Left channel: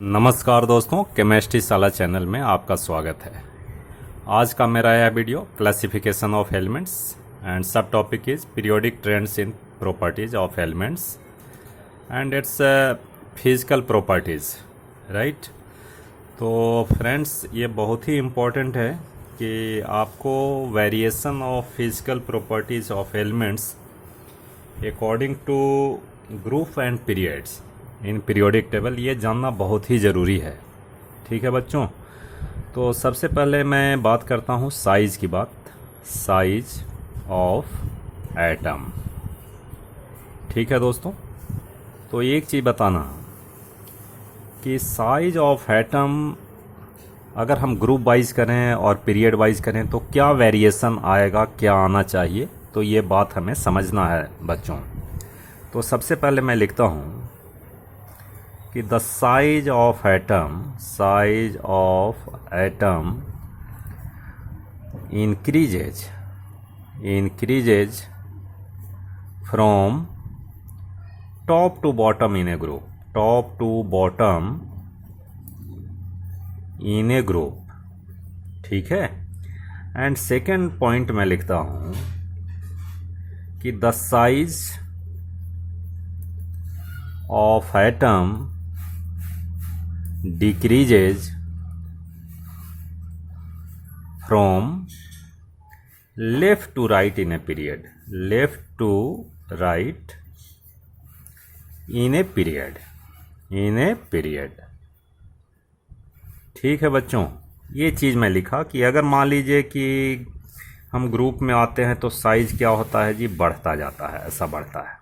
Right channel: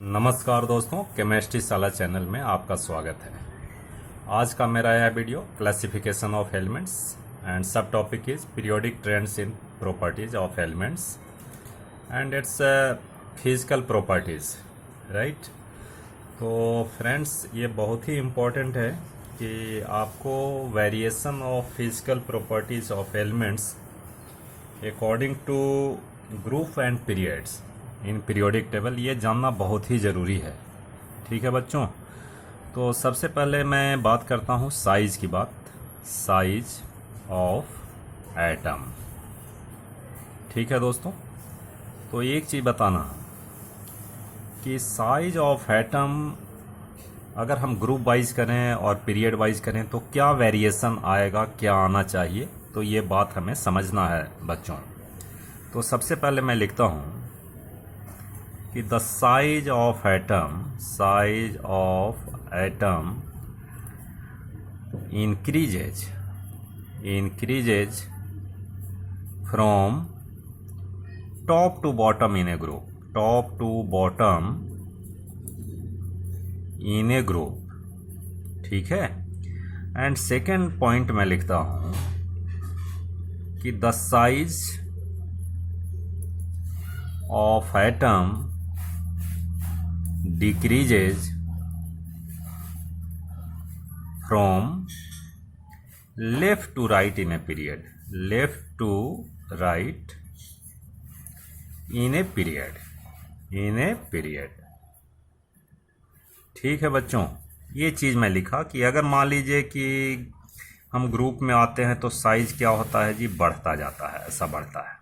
नमस्कार दोस्तों, केमिस्ट्री शाला चैनल में आपका स्वागत है। आज का मेरा यह वीडियो classification of elements and sub topic is periodic trends in properties of elements and its physical properties, right. तो फ्रेंड्स, ये बहुत ही इम्पोर्टेंट है कि आपको variation of physical properties of elements according to group and periods in periodic table ये जानना बहुत ही ज़रूरी है। ठीक है बच्चों, तो सबसे पहले मैं बात करता हूँ साइज की बात, साइज ऑफ एटम। ठीक है दोस्तों, तो एक चीज़ बताना कि साइज ऑफ एटम अगर हम ग्रुप वाइज करें और पीरियड वाइज करें तो क्या वेरिएशन आएगा, क्या आना चाहिए, तो ये बात हमें समझना है बच्चों। तो सबसे पहले मैं लिखता हूँ कि the size of atom increases from top to bottom in a group, top to bottom in a group। ठीक है। एंड सेकेंड पॉइंट मैं लिखता हूं कि the size of atom decreases from left to right in a period, left to right in a period, in a period। ठीक है बच्चों, ये चीज़ मैं लिखा कि अगर मान लीजिए कि हम ग्रुप में आते हैं तो साइज क्या होता है जी, बढ़ता जाता है, ऐसा बढ़ता है।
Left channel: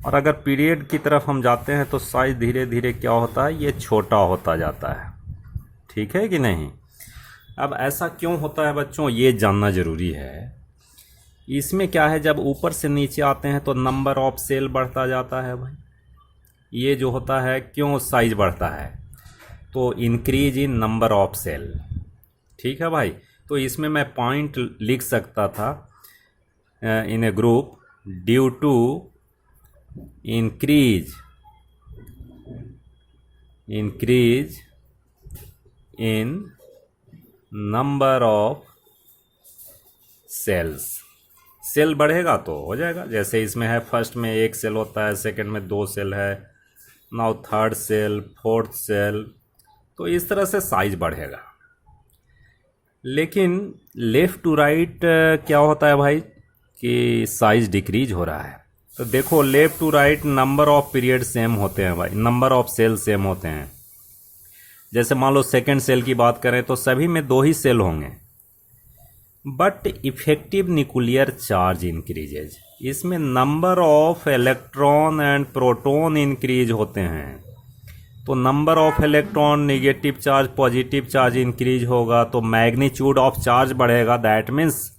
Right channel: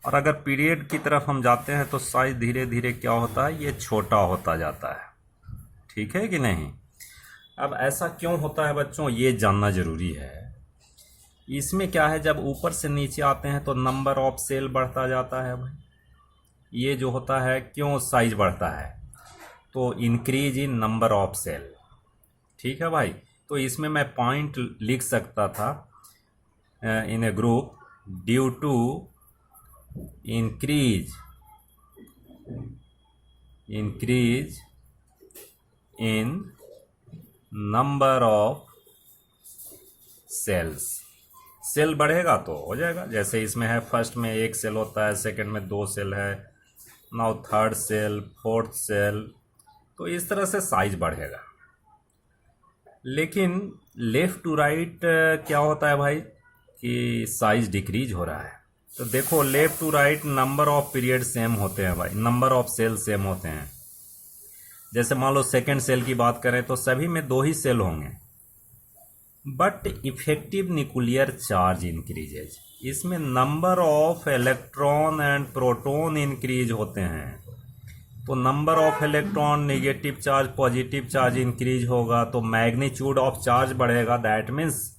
और अगर पीरियड की तरफ हम जाते हैं तो साइज धीरे धीरे क्या होता है, ये छोटा होता जाता है। ठीक है कि नहीं। अब ऐसा क्यों होता है बच्चों, ये जानना जरूरी है। इसमें क्या है, जब ऊपर से नीचे आते हैं तो नंबर ऑफ सेल बढ़ता जाता है भाई। ये जो होता है, क्यों साइज बढ़ता है, तो increase in number of cell. ठीक है भाई। तो इसमें मैं पॉइंट लिख सकता था in a group due to increase in number of cells। Shell बढ़ेगा तो हो जाएगा, जैसे इसमें है फर्स्ट में एक सेल होता है, सेकंड में दो सेल है, now third cell, fourth cell, तो इस तरह से साइज बढ़ेगा। लेकिन लेफ्ट टू राइट क्या होता है भाई कि साइज डिक्रीज हो रहा है। तो देखो, left to right number of period same होते हैं भाई, नंबर ऑफ सेल सेम होते हैं। जैसे मान लो सेकंड सेल की बात करें तो सभी में दो ही सेल होंगे, but effective nuclear charge increases, इसमें number of electron and proton increase होते हैं। तो number of electron, negative charge, positive charge increase होगा तो मैग्नीट्यूड ऑफ चार्ज बढ़ेगा, that means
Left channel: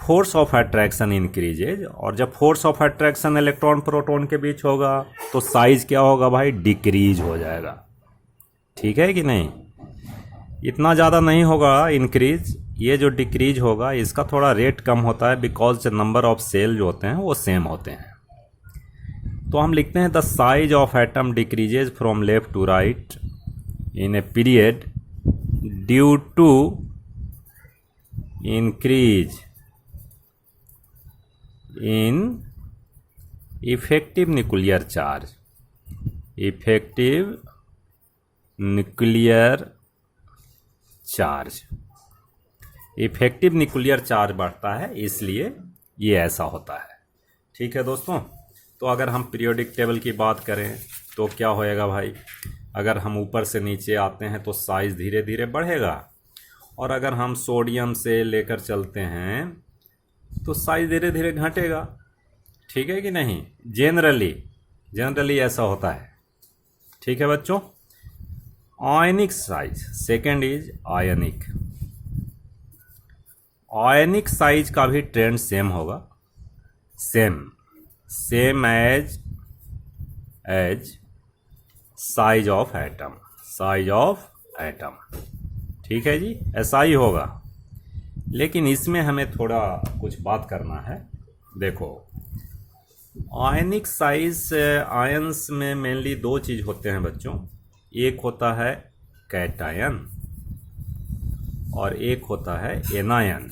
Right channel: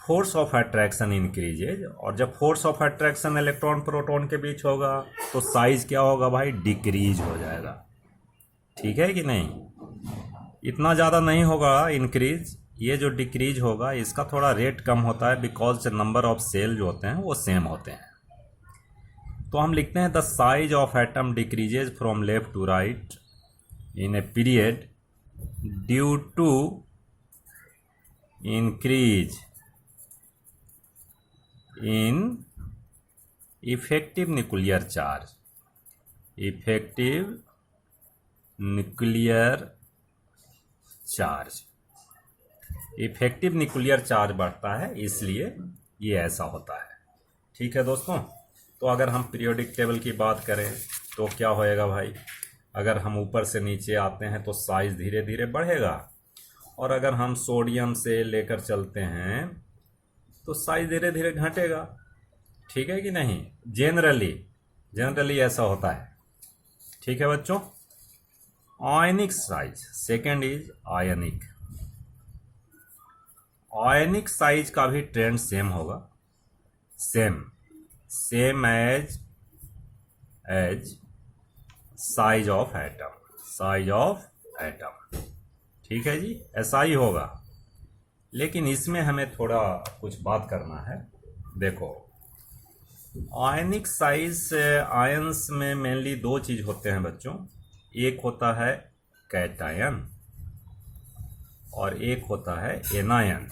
force of attraction increases. और जब force of attraction electron proton के बीच होगा तो साइज क्या होगा भाई, डिक्रीज हो जाएगा। ठीक है कि नहीं। इतना ज़्यादा नहीं होगा इंक्रीज, ये जो डिक्रीज होगा इसका थोड़ा रेट कम होता है, बिकॉज नंबर ऑफ सेल जो होते हैं वो सेम होते हैं। तो हम लिखते हैं the size of atom decreases from left to right in a period due to increase in effective nuclear charge, effective nuclear charge, effective nuclear charge बढ़ता है, इसलिए ये ऐसा होता है। ठीक है दोस्तों। तो अगर हम पीरियोडिक टेबल की बात करें तो क्या होएगा भाई, अगर हम ऊपर से नीचे आते हैं तो साइज धीरे धीरे बढ़ेगा, और अगर हम सोडियम से लेकर चलते हैं तो साइज धीरे धीरे घटेगा। ठीक है कि नहीं। जनरली ऐसा होता है। ठीक है बच्चों। Ionic size, second is ionic. Ionic size का भी ट्रेंड सेम होगा, same as size of atom. ठीक है जी, ऐसा ही होगा। लेकिन इसमें हमें थोड़ा कुछ बात करना है। देखो, आयनिक साइज आयंस में मेनली दो चीज होते हैं बच्चों। एक होता है कैटायन और एक होता है एनायन,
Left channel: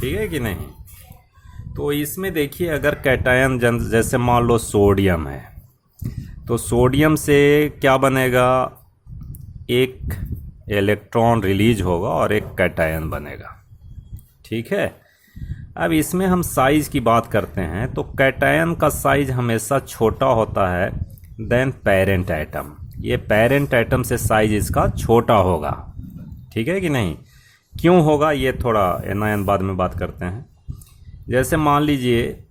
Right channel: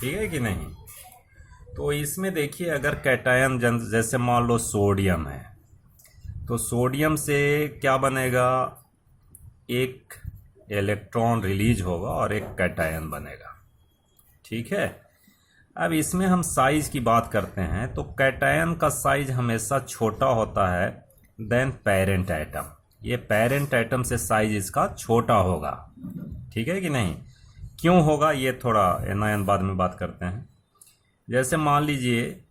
ठीक है कि नहीं। तो इसमें देखिए, अगर कैटायन जैसे मान लो सोडियम है, तो सोडियम से क्या बनेगा, एक इलेक्ट्रॉन रिलीज होगा और एक कैटायन बनेगा, ठीक है। अब इसमें हम साइज की बात करते हैं, तो कैटायन का साइज हमेशा छोटा होता है देन पेरेंट एटम। ये पेरेंट एटम से साइज इसका छोटा होगा, ठीक है कि नहीं। क्यों होगा ये थोड़ा एनायन बाद में बात करते हैं। जैसे मान लीजिए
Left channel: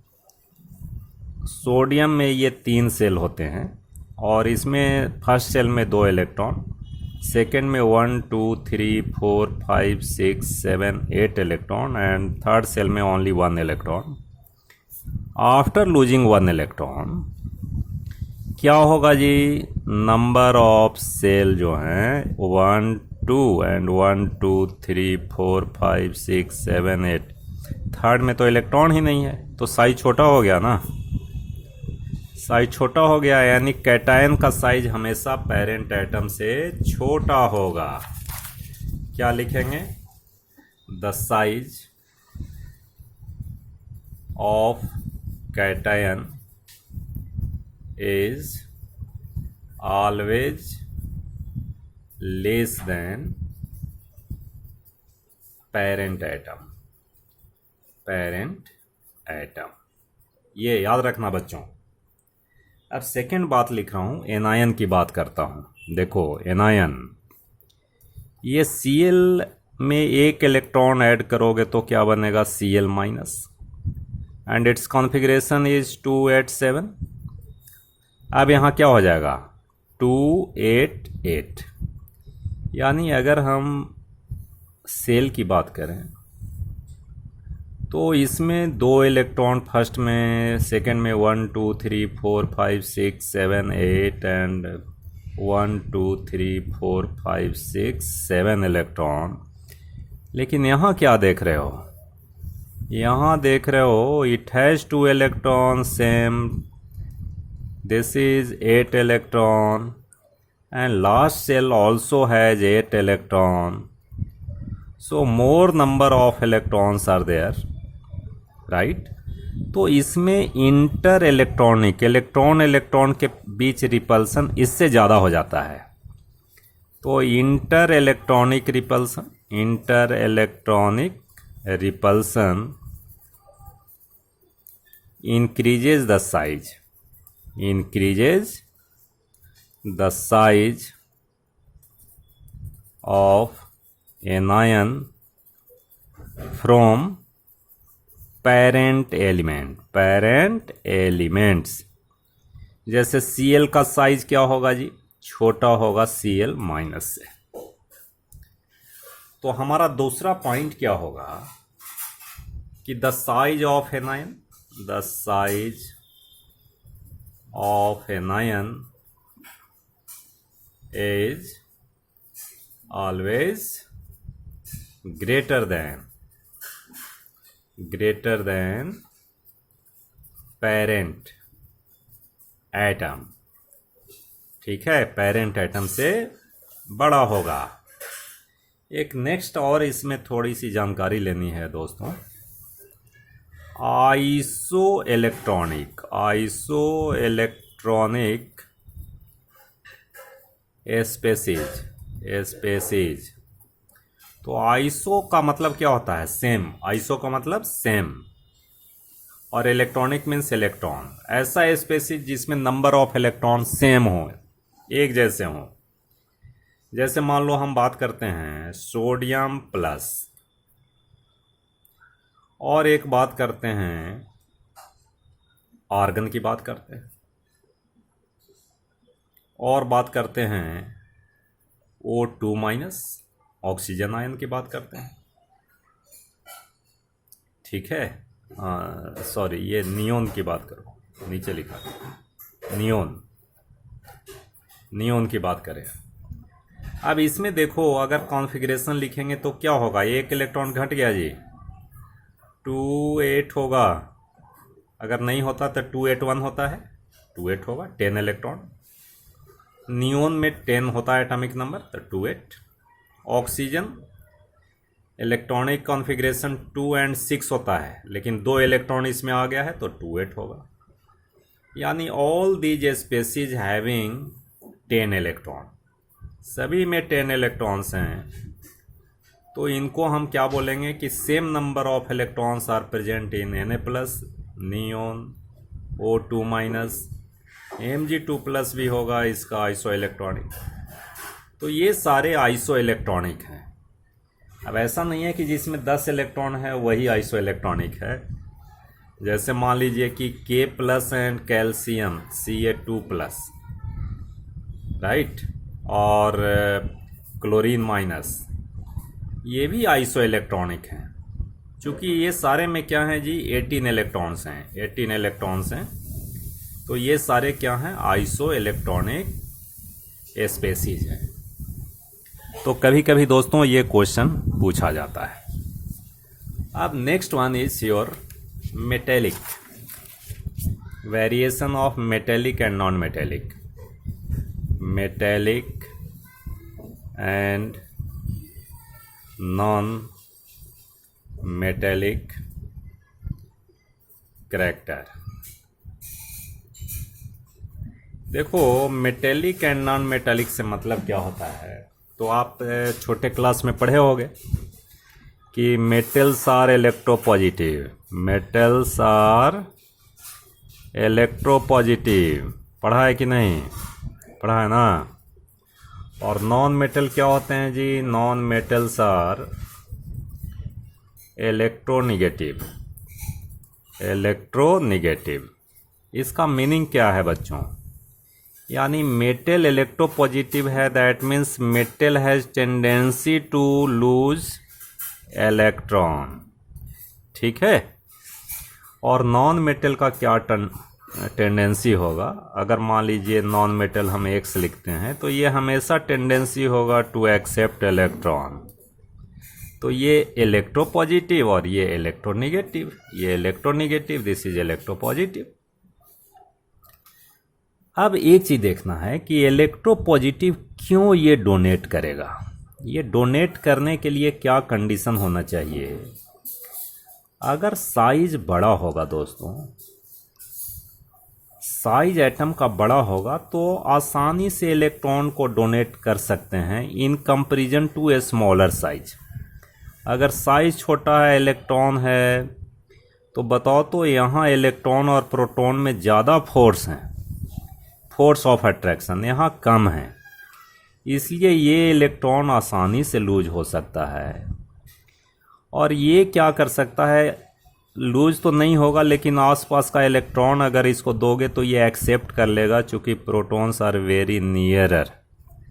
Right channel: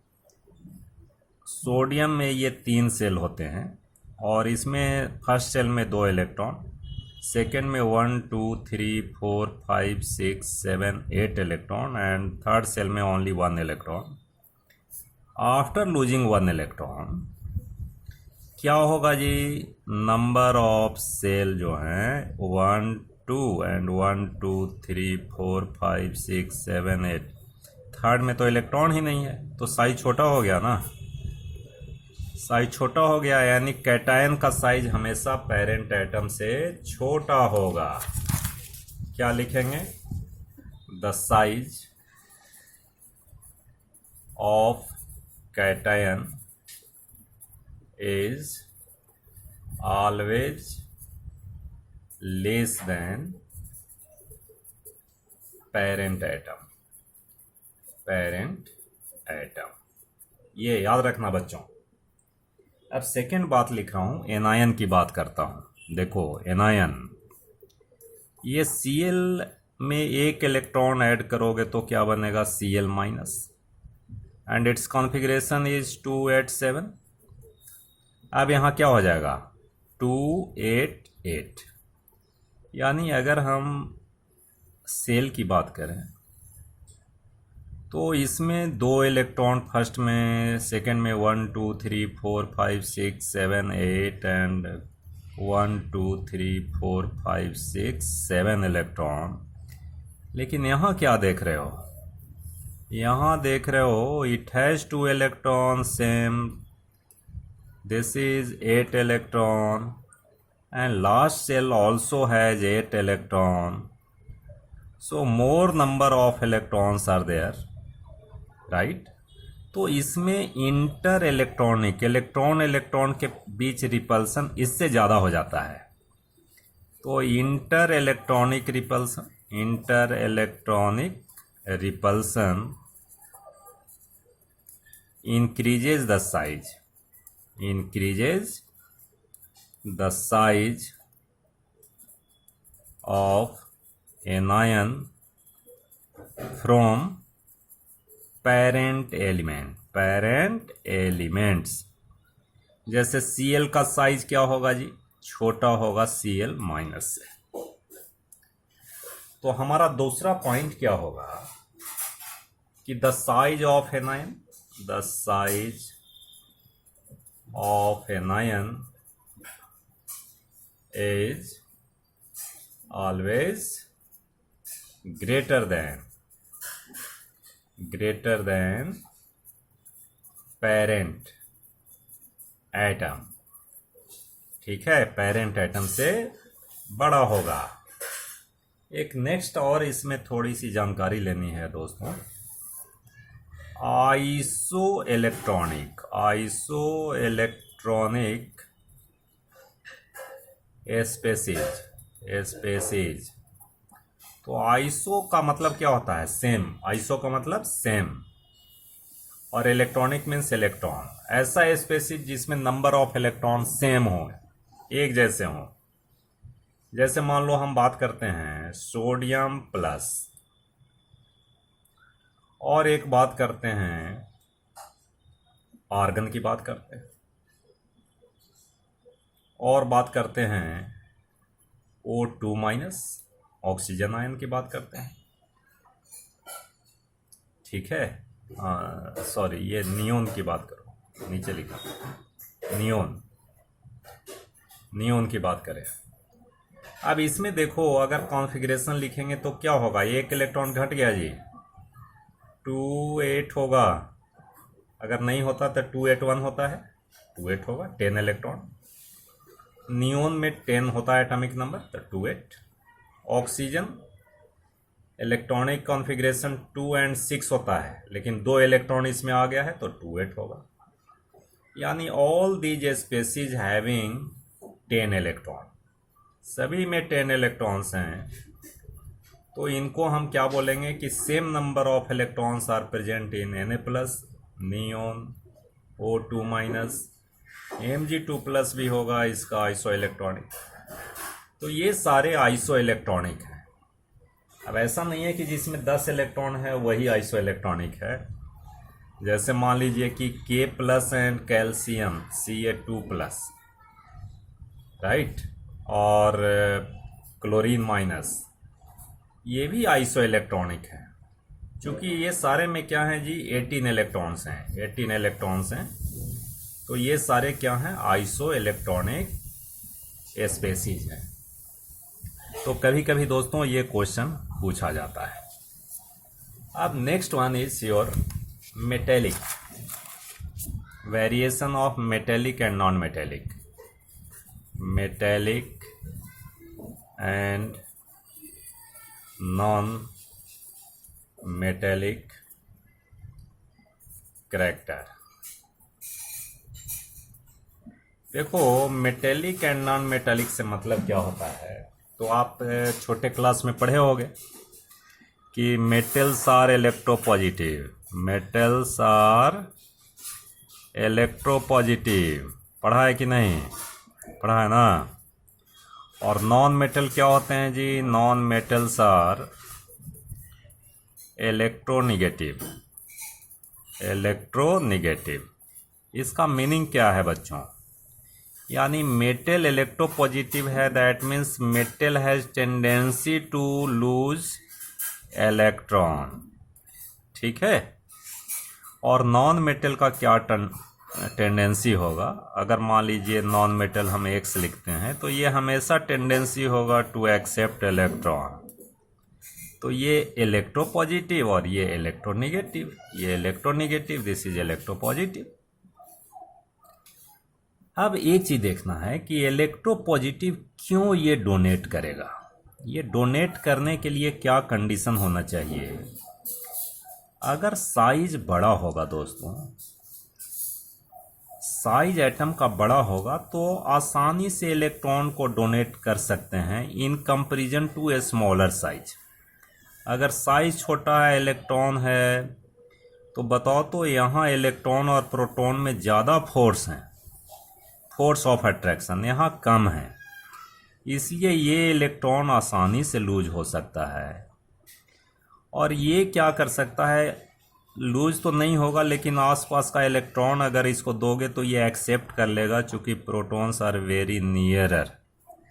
सोडियम में ये 3 सेल होते हैं और इसमें फर्स्ट सेल में 2 इलेक्ट्रॉन, सेकेंड में 1 2 3 4 5 6 7 8 इलेक्ट्रॉन एंड थर्ड सेल में only 1 electron. After losing 1 electron क्या होगा जी, नंबर ऑफ सेल जो हैं 1 2 एंड 1 2 3 4 5 6 7 8, थर्ड में तो इलेक्ट्रॉन ही नहीं है, तो साइज छोटा हो गया ना, साइज छोटा हो गया, यानी कैटायन का साइज हमेशा पेरेंट एटम से छोटा होगा। क्या लिखेंगे, the size of cation is always less than parent atom, parent atom, ये याद रखना बच्चों। अब सेकेंड बात लिख रहा हूं, एनायन की बात करता हूं। देखो एनायन, ये Cl में एक इलेक्ट्रॉन ऐड करोगे तो क्या बनेगा, Cl minus, and it's configuration is 287। अब यहाँ क्या हो जाएगा, 288, यानी अगर हम सेल की बात करें तो इसमें 2 इलेक्ट्रॉन फर्स्ट में, सेकंड में 1 2 3 4 5 6 7 8 एंड 1 2 3 4 5 6 7 इलेक्ट्रॉन। लेकिन यहाँ क्या देख रहे हो, यहाँ देख रहे हो it has 2 electron same, this is 8 electron and last cell also has 8 electron, so more number of electrons are there, right. तो इसमें इंटर इलेक्ट्रॉनिक, इलेक्ट्रॉन इलेक्ट्रॉन के बीच रिपल्सन इससे ज़्यादा हो जाता है। तो inter electronic repulsion, inter electronic repulsion increases the size, increases the size of anion from parent element, parent elements. जैसे Cl का साइज क्या होगा जी, छोटा होगा Cl माइनस से। तो हमारा दूसरा पॉइंट क्या होगा कि the size of anion, the size of anion is always greater than parent atom, ठीक है, पेरेंट एटम से बड़ा होगा। एक नेक्स्ट और इसमें थोड़ी सी जानकारी लेनी है दोस्तों, iso electronic, iso electronic species, species. तो आइसो का मतलब क्या होता है, सेम, आइसो का मतलब सेम, और इलेक्ट्रॉनिक मीन्स इलेक्ट्रॉन। ऐसा स्पेसीज जिसमें नंबर ऑफ इलेक्ट्रॉन सेम हो, एक जैसे हो। जैसे मान लो हम बात करते हैं सोडियम प्लस, और एक बात करते हैं आर्गन की बात करते हैं, और बात करते हैं O2 माइनस, ऑक्सीजन आयन की बात करते हैं, ठीक है। सॉरी, ये नियोन की बात करो, नीचे लिखा नियोन, नियोन की बात करें। अब इसमें देखो, अगर कॉन्फ़िगरेशन लिखेंगे तो क्या होगा, एक इलेक्ट्रॉन घट गया जी, 2 8 होगा, अगर नहीं होता तो 2 8 1 होता है, 2 8 होगा, 10 इलेक्ट्रॉन। नियोन में 10 होता है एटॉमिक नंबर, तो 28। ऑक्सीजन इलेक्ट्रॉनिक कॉन्फ़िगरेशन 2 और 6 होता है, लेकिन 2 इलेक्ट्रॉन इसमें आ गया है तो 28 होगा। यानी all these species having 10 electron, सभी में 10 इलेक्ट्रॉन्स हैं, तो इनको हम क्या बोलेंगे कि same number of electrons are present in Na+, neon, O2-, Mg2+ भी होगा इसका आइसो इलेक्ट्रॉनिक। तो ये सारे आइसो इलेक्ट्रॉनिक हैं। अब ऐसा नहीं है कि जिसमें 10 इलेक्ट्रॉन है वही आइसो इलेक्ट्रॉनिक है। जैसे मान लीजिए कि K+ and calcium Ca2+, right, और क्लोरीन माइनस, ये भी आइसो इलेक्ट्रॉनिक हैं। चूंकि ये सारे में क्या हैं जी, 18 इलेक्ट्रॉन्स हैं, 18 इलेक्ट्रॉन्स हैं, तो ये सारे क्या हैं, आइसो इलेक्ट्रॉनिक स्पेसीज हैं। तो कभी कभी दोस्तों ये क्वेश्चन पूछा जाता है। अब next one is your metallic, variation of metallic and non metallic, metallic and non metallic character. देखो, मेटेलिक एंड नॉन मेटेलिक से मतलब क्या होता है, तो आप छोटे क्लास में पढ़े होंगे कि metals are electropositive, metals are electropositive, पढ़ा है कि नहीं, पढ़ा है ना। और नॉन मेटल क्या होते हैं जी, non metals are electronegative, electronegative. इसका मीनिंग क्या है बच्चों, यानी मेटल इलेक्ट्रोपॉजिटिव है, that means metal has tendency to lose electron, ठीक है। और नॉन मेटल का क्या टेंडेंसी होगा, अगर मान लीजिए नॉन मेटल हम X लिखते हैं तो ये हमेशा टेंडेंसी होगा टू एक्सेप्ट इलेक्ट्रॉन। तो ये इलेक्ट्रोपॉजिटिव और ये इलेक्ट्रोनिगेटिव, ये इलेक्ट्रोनिगेटिव, दिस इज इलेक्ट्रोपॉजिटिव। अब एक चीज देखना है कि इलेक्ट्रोपॉजिटिव क्यों ये डोनेट करेगा, ये डोनेट करने के लिए क्या कंडीशन होना चाहिए। अगर साइज बड़ा होगा दोस्तों, साइज एटम का बड़ा होगा तो आसानी से इलेक्ट्रॉन को डोनेट कर सकते हैं in comparison to a smaller size. अगर साइज छोटा है, इलेक्ट्रॉन है, तो बताओ तो यहाँ इलेक्ट्रॉन और प्रोटॉन में ज़्यादा फोर्स हैं, फोर्स ऑफ अट्रैक्शन यहाँ कम है, इसलिए ये इलेक्ट्रॉन आसानी से लूज हो सकता है। और ये क्या कर सकता है, लूज तो नहीं होगा लेकिन आसपास का इलेक्ट्रॉन अगर इसको दोगे तो ये एक्सेप्ट कर लेगा, चूंकि प्रोटॉन्स आर वेरी नियरर,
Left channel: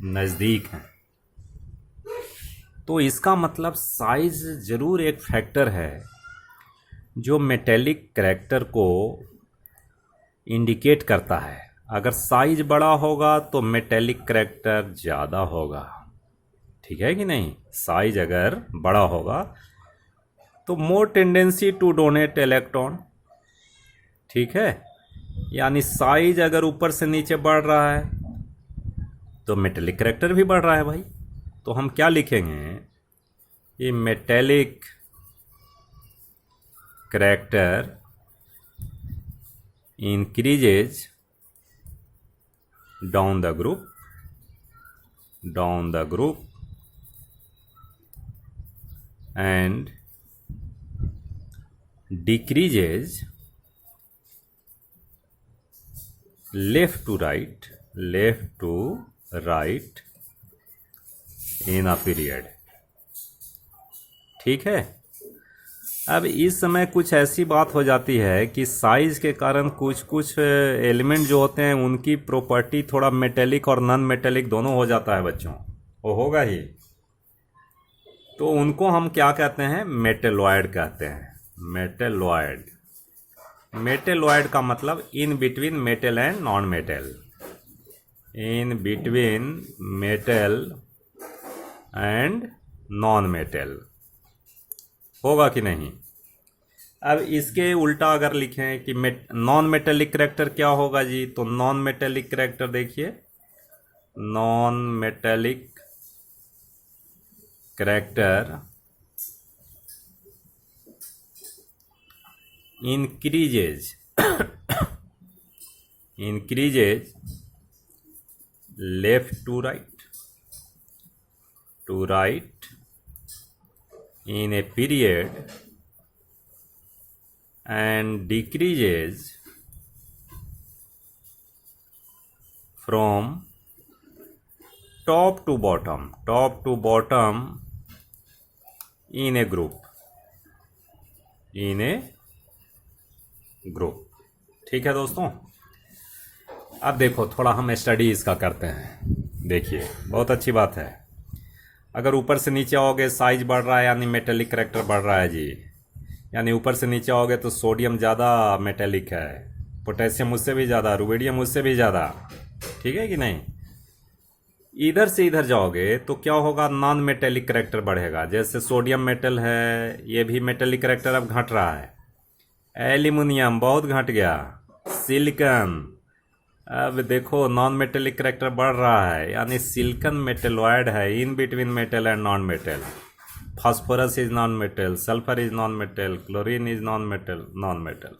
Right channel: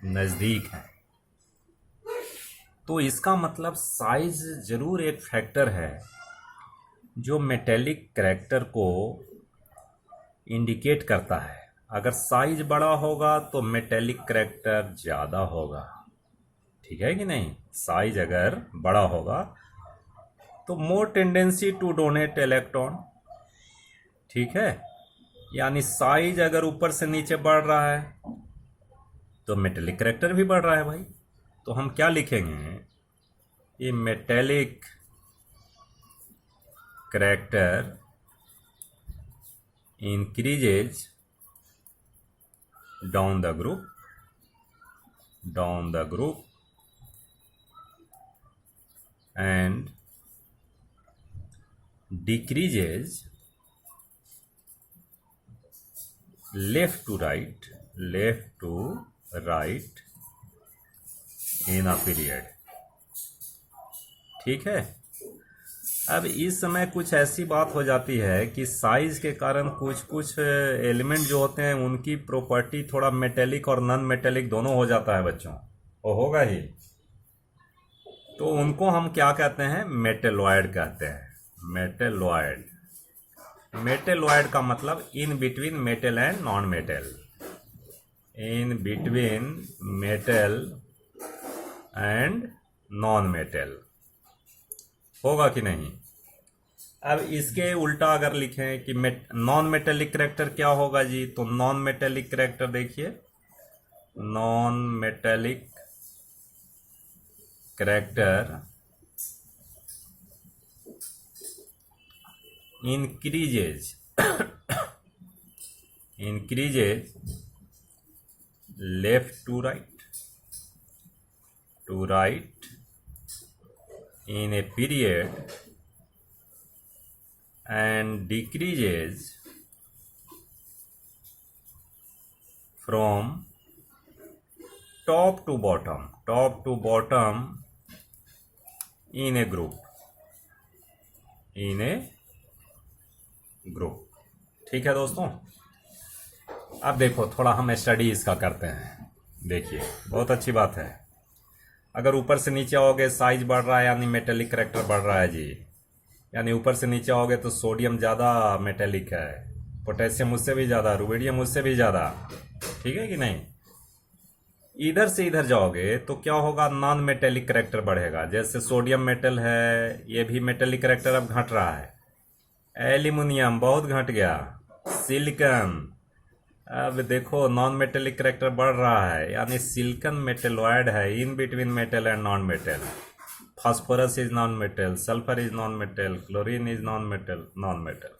नज़दीक हैं। तो इसका मतलब साइज जरूर एक फैक्टर है जो मेटेलिक करैक्टर को इंडिकेट करता है। अगर साइज बड़ा होगा तो मेटेलिक करैक्टर ज़्यादा होगा, ठीक है कि नहीं। साइज अगर बड़ा होगा तो मोर टेंडेंसी टू डोनेट इलेक्ट्रॉन, ठीक है। यानी साइज अगर ऊपर से नीचे बढ़ रहा है तो मेटेलिक करैक्टर भी बढ़ रहा है भाई। तो हम क्या लिखेंगे, ये metallic character increases down the group, and decreases left to right in a period, ठीक है। अब इस समय कुछ ऐसी बात हो जाती है कि साइज के कारण कुछ एलिमेंट जो होते हैं उनकी प्रॉपर्टी थोड़ा मेटेलिक और नॉन मेटेलिक दोनों हो जाता है बच्चों, वो होगा ही। तो उनको हम क्या कहते हैं, मेटेलॉयड कहते हैं, मेटेलॉयड। मेटेलॉयड का मतलब in between metal and non metal, in between metal and non metal, होगा कि नहीं। अब इसके उल्टा अगर लिखें कि नॉन मेटेलिक करैक्टर क्या होगा जी, तो नॉन मेटेलिक करैक्टर देखिए, non metallic character increases left to right in a period and decreases from top to bottom in a group ठीक है दोस्तों। अब देखो थोड़ा हम स्टडी इसका करते हैं। देखिए बहुत अच्छी बात है। अगर ऊपर से नीचे आओगे साइज बढ़ रहा है यानी मेटेलिक करेक्टर बढ़ रहा है जी। यानी ऊपर से नीचे आओगे तो सोडियम ज़्यादा मेटेलिक है, पोटेशियम उससे भी ज़्यादा, रुबिडियम उससे भी ज़्यादा, ठीक है कि नहीं। इधर से इधर जाओगे तो क्या होगा, नॉन मेटेलिक करेक्टर बढ़ेगा। जैसे सोडियम मेटल है, ये भी मेटेलिक करेक्टर अब घट रहा है। एल्यूमिनियम बहुत घट गया। सिलिकॉन, अब देखो नॉन मेटेलिक करेक्टर बढ़ रहा है, यानी सिलिकॉन मेटेलॉइड है, in between metal and non metal. Phosphorus is non metal, sulphur is non metal, chlorine is non metal.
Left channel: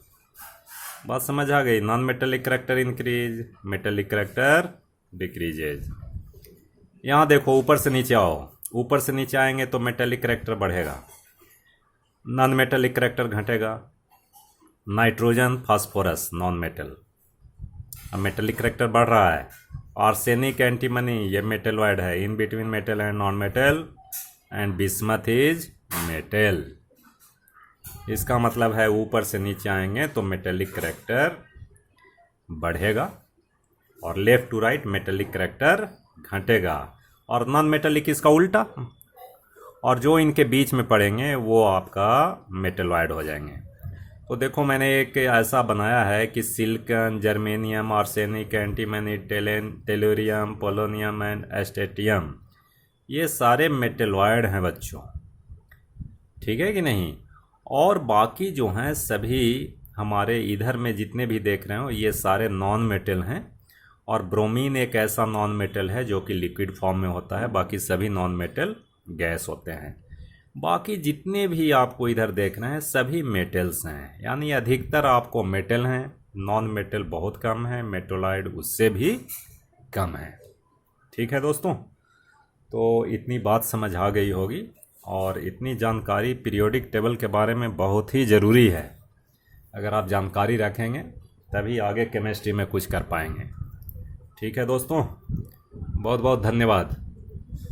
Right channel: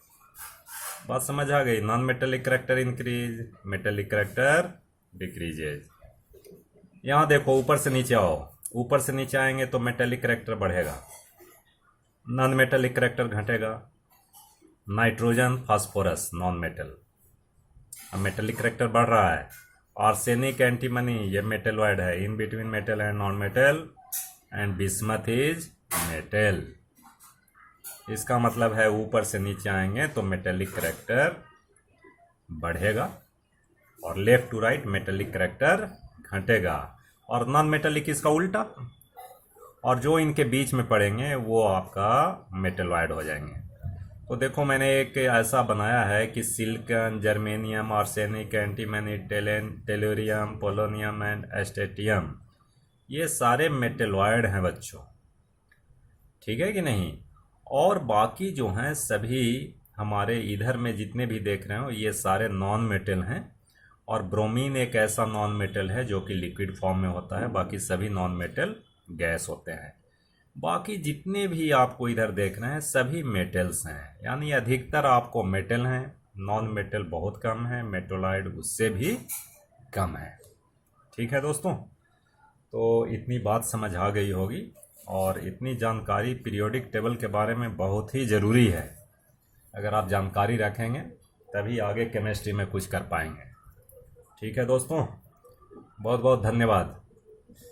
बात समझ आ गई। Non metallic character increase, metallic character decreases. यहाँ देखो ऊपर से नीचे आओ, ऊपर से नीचे आएंगे तो मेटेलिक करेक्टर बढ़ेगा, नॉन मेटेलिक करेक्टर घटेगा। नाइट्रोजन, फास्फोरस नॉन मेटल, अब मेटेलिक करेक्टर बढ़ रहा है। आर्सेनिक, एंटीमनी ये मेटेलॉइड है, in between metal and non metal. And bismuth is metal. इसका मतलब है ऊपर से नीचे आएंगे तो मेटेलिक करेक्टर बढ़ेगा और left to right metallic character घटेगा। और नॉन मेटेलिक इसका उल्टा, और जो इनके बीच में पड़ेंगे वो आपका मेटेलॉइड हो जाएंगे। तो देखो मैंने एक ऐसा बनाया है कि silicon, germanium, arsenic, antimony, tellurium, polonium and astatine, ये सारे मेटेलॉइड हैं बच्चों, ठीक है कि नहीं। और बाकी जो हैं सभी हमारे इधर में जितने भी देख रहे हो ये सारे नॉन मेटल हैं। और ब्रोमीन एक ऐसा नॉन मेटल है जो कि लिक्विड फॉर्म में होता है, बाकी सभी नॉन मेटल गैस होते हैं। बाकी जितने भी आपको इधर देख रहे हैं सभी मेटल्स हैं, यानी अधिकतर आपको मेटल हैं, नॉन मेटल बहुत कम है, मेटेलॉइड उससे भी कम है। ठीक है दोस्तों, तो इतनी बात समझ आ गई होगी और इतनी जानकारी पीरियोडिक टेबल के बारे में बहुत ही ज़रूरी है। अगर आप जानकारी रखेंगे तभी आगे केमिस्ट्री में कुछ कर पाएंगे। ठीक है दोस्तों, बहुत बहुत धन्यवाद।